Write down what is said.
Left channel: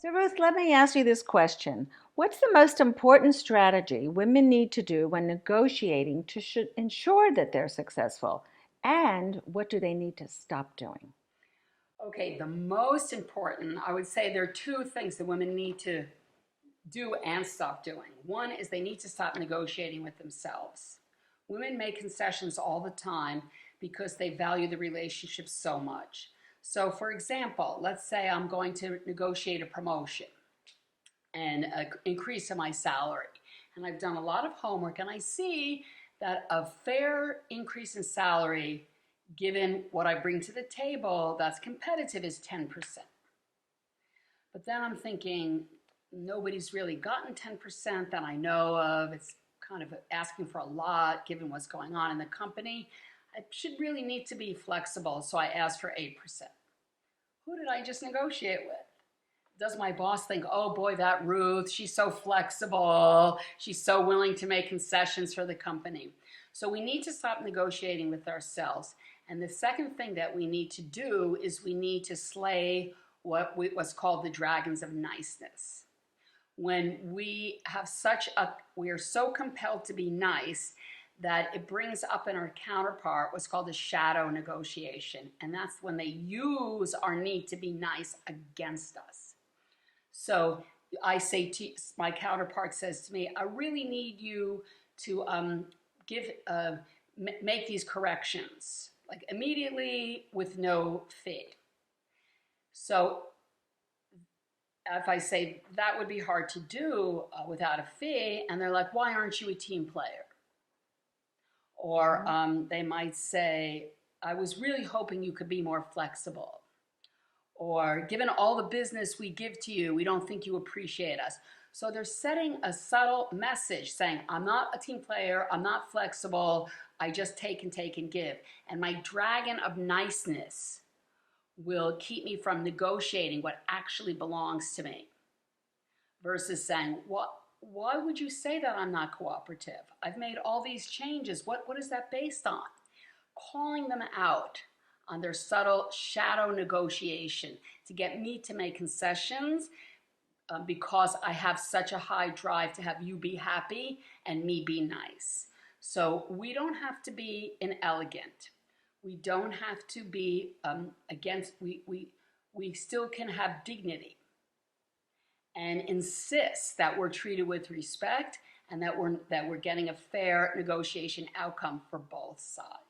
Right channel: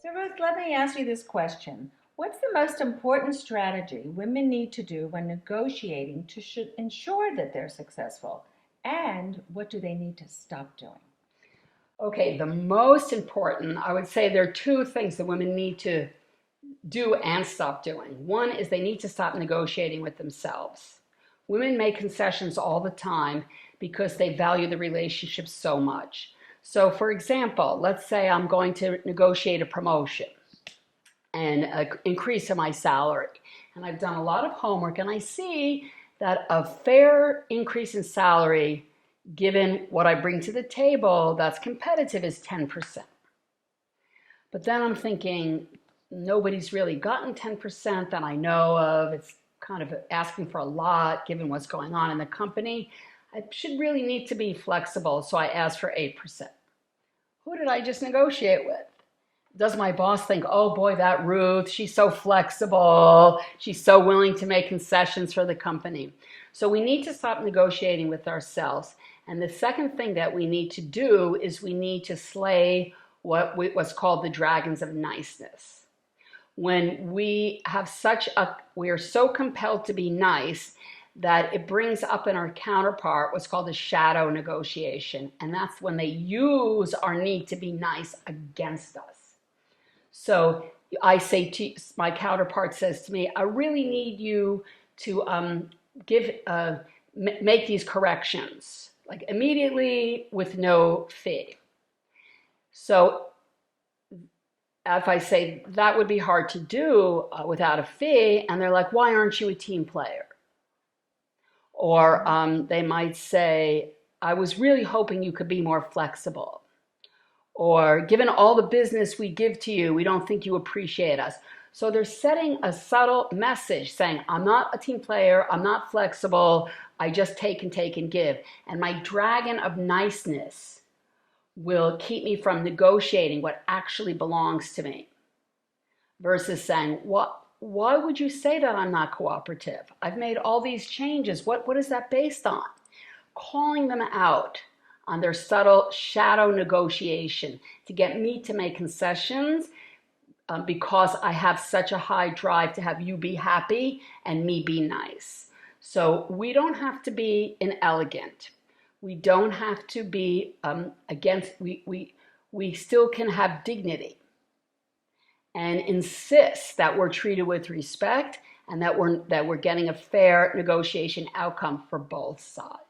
So, Ruth, let me ask you this question. What's the most important strategy women need to do when negotiating to ensure that they're successful? And what do they need to stop doing? Okay, the most important, I would say there are two things that women need to do and stop doing. One is they need to stop negotiating with themselves. Women make concessions all the time because they value the relationship so much. So, for example, let's say I'm going to negotiate a promotion and an increase in my salary. And I've done a lot of homework and I see that a fair increase in salary, given what I bring to the table that's competitive, is 10%. But then I'm thinking, nobody's really gotten 10% that I know of. It's kind of asking for a lot given what's going on in the company. I should really need to be flexible, so I asked for 8%. Who did I just negotiate with? Does my boss think, oh boy, that Ruth, she's so flexible, she's so willing to make concessions for the company? So we need to stop negotiating with ourselves. And the second thing that we need to do is we need to slay what's called the Dragons of Niceness. When we are so compelled to be nice that it brings up in our counterpart what's called a shadow negotiation. And that's when they use our need to be nice against us. So I say to my counterpart says to me, I really need you to make these corrections, like immediately with no fee. So if I say that would be hard to do without a fee, and they're like, why aren't you a team player? Or they might say, I was really hoping you could be more flexible. Or given all the business we give to you, we don't think you appreciate us. So they're setting a subtle message saying, I'm not a team player, I'm not flexible, I just take and give. And my dragon of niceness will keep me from negotiating what actually belongs to me. Versus saying, why would you say that I'm not cooperative? I've made all these changes. What is that based on? Calling them out on their subtle shadow negotiation to get me to make concessions because I have such a high drive to have you be happy and me be nice. So we don't have to be inelegant. We don't have to be we still can have dignity and insist that we're treated with respect and that we're getting a fair negotiation outcome for both sides.